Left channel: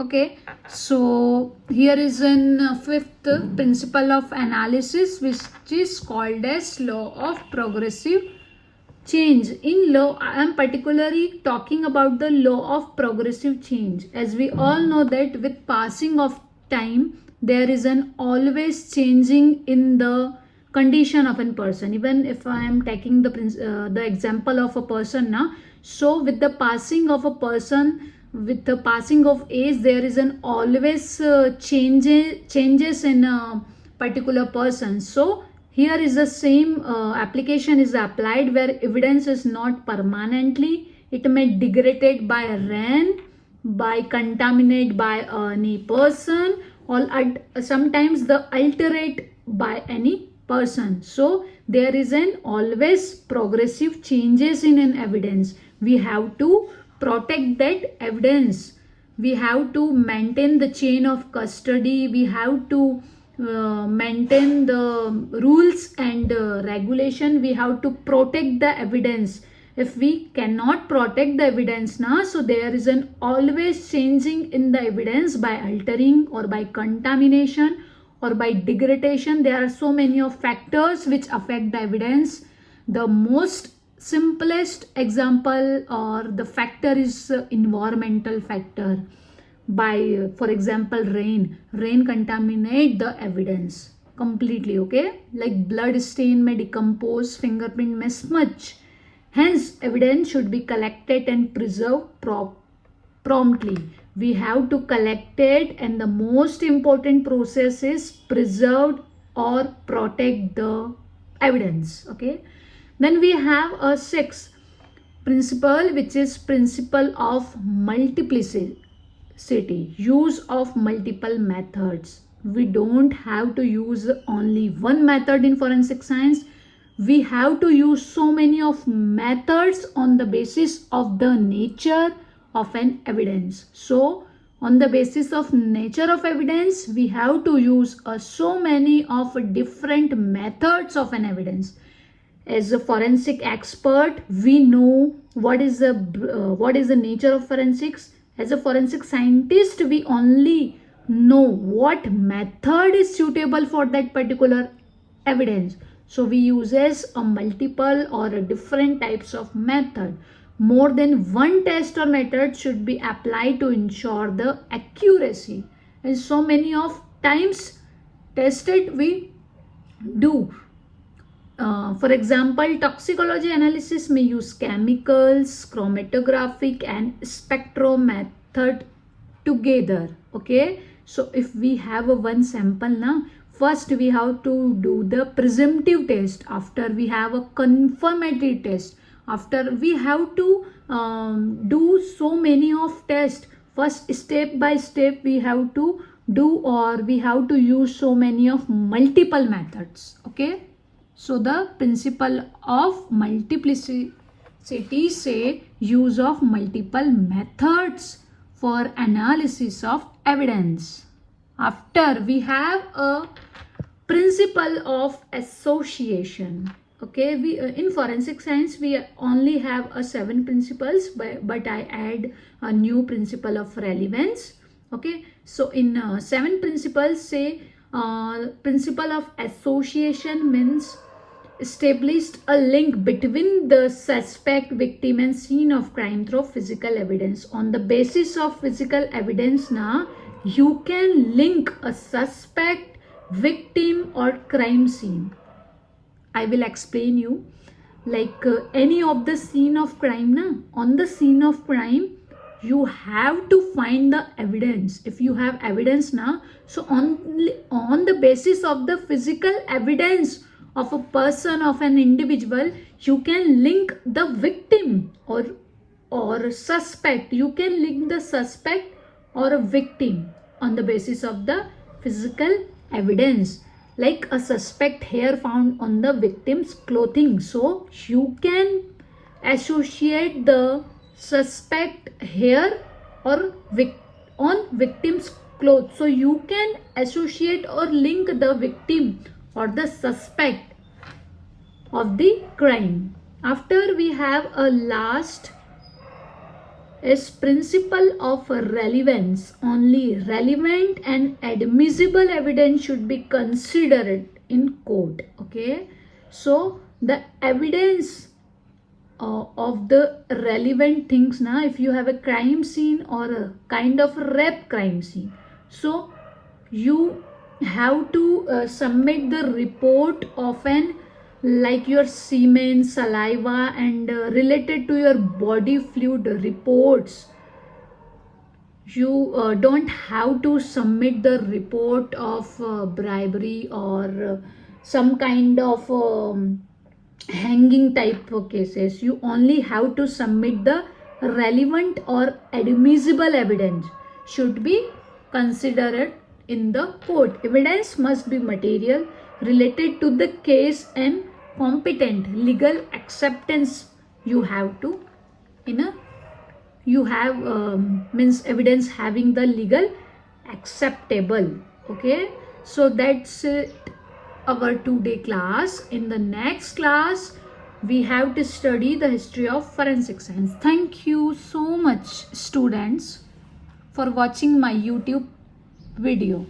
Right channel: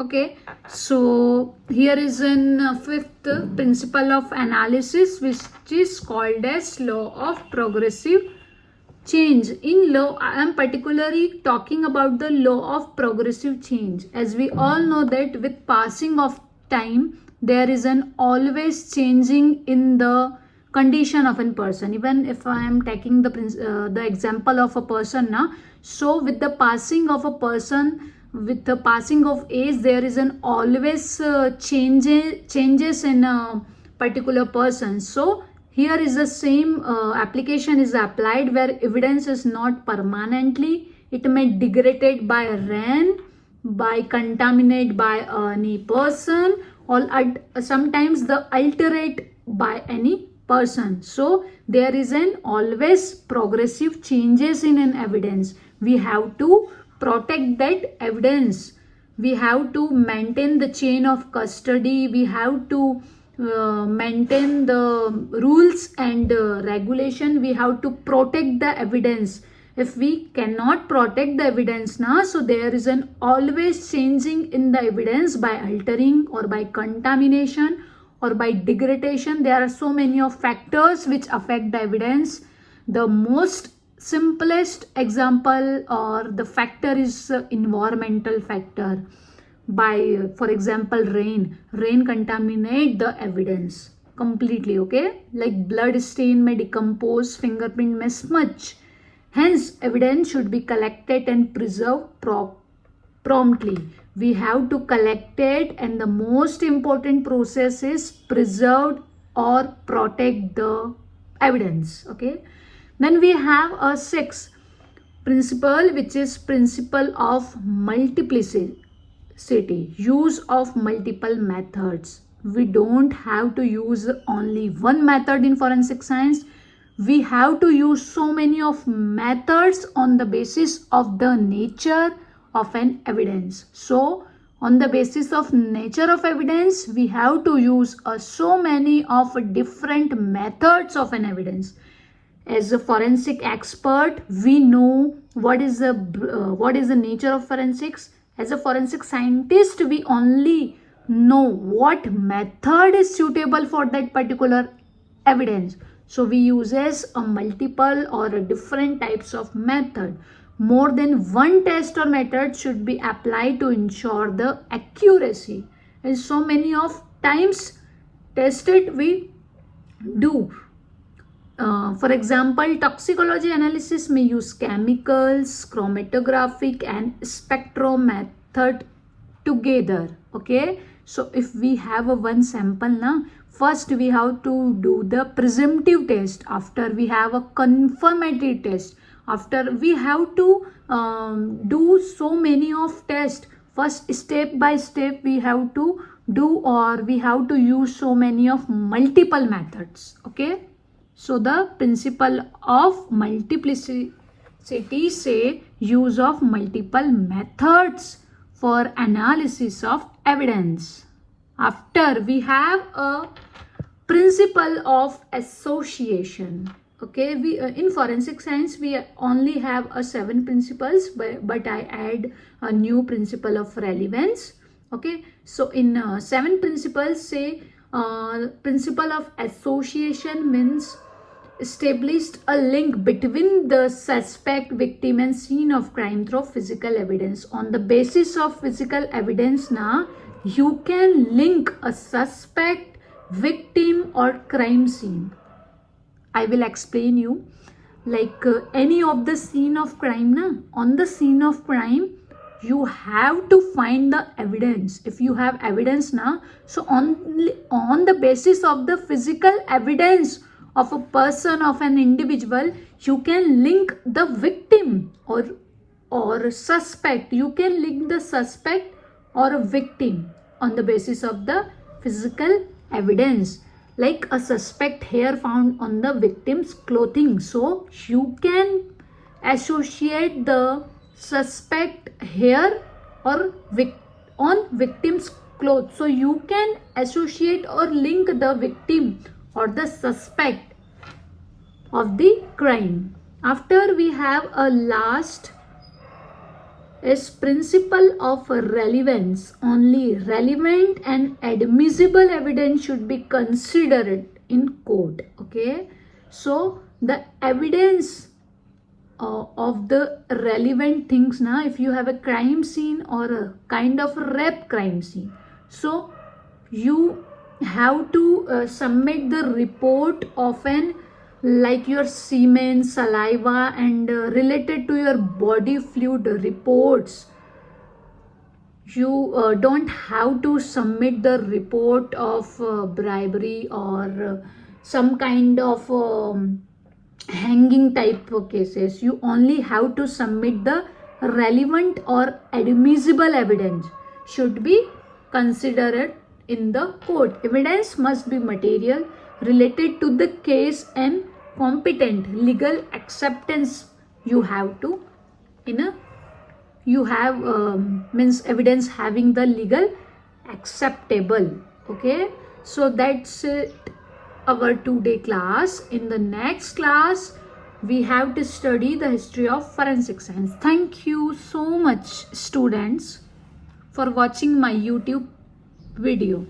Okay, so here is in fifth principle of analysis, which is called as law of progressive change. In law, I am particularly talking about the law of progressive change. As we all know that with passing of time, there is an always changing in the condition of a person. Even if I am taking the example of a person now, so with the passing of a person, with the passing of age, there is an always changes in a particular person. So here is the same application is applied, where evidence is not permanently, it may degraded by rain, by contaminated by any person, or sometimes the alterate by any person. So there is an always progressive changes in an evidence. We have to protect that evidence. We have to maintain the chain of custody. We have to maintain the rules and regulation. We have to protect the evidence. If we cannot protect the evidence now, so there is an always changing in the evidence by altering or by contamination or by degradation. There are so many of factors which affect the evidence. The most simplest example or the factor is environmental factor. By for example, rain contaminate the evidence completely. Okay, like blood stain may decompose, fingerprint may smudge. Hence evidence should be collected and preserved promptly. We have to collect it, and the most important process is preserve or protect the evidence. Okay, then we have a sixth principle, which is principle of multiplicity, use of multiple methods. We don't have to use only one method in forensic science. We have to use so many of methods on the basis of the nature of an evidence. So on the basis of nature of evidence, we have to use so many of different methods of an evidence. As a forensic expert, we know what is the nature of forensics. As a forensic scientist, we only know what method is suitable for that particular evidence. So we uses a multiple or a different types of method. More than one test or method should be applied to ensure the accuracy. And so many of times tested we do. For example, toxicology analysis may use chemicals, chromatographic and spectro method together. Okay, so if we have a one sample now, first we have to do the presumptive test. After we have a confirmatory test. After we have to do so many of tests. First, step by step we have to do, or we have to use so many of multiple methods. Okay, so the principle of multiplicity say use of multiple methods for analysis of evidence. After, we have a principle of association. Okay, we in forensic science we only have 7 principles, but I add a new principle of relevance. Okay, so in 7 principles, say principle of association means established a link between the suspect, victim and scene of crime through physical evidence. On the basis of physical evidence now, you can link a suspect, victim or crime scene. I will explain you. Like any of the scene of crime na, on the scene of crime you have to find the evidence. If you have evidence now, so on the basis of the physical evidence of a person, of an individual, you can link the victim or suspect. You can link the suspect or a victim on the basis of the physical evidence. Like a suspect hair found on the victim's clothing, so you can associate the suspect hair or on victim's clothes. So you can associate or link the victim or the suspect of the crime. After, we have a last is principle of relevance. Only relevant and admissible evidence should be considered in court. Okay, so the evidence of the relevant things, now if you have a crime scene or a kind of rape crime scene, so you have to submit the report of an, like your semen, saliva, and related to your body fluid reports. You don't have to submit the report of bribery or some kind of hanging type of cases. You only have to submit the relevant or admissible evidence should be considered in the court. Evidence must be material, related to the case, and competent. Legal acceptance you have to, in a, you have means evidence having the legal acceptable. Okay, so that's it, our today class. In the next class we have to study the history of forensic science. Thank you so much, students, for watching my YouTube video.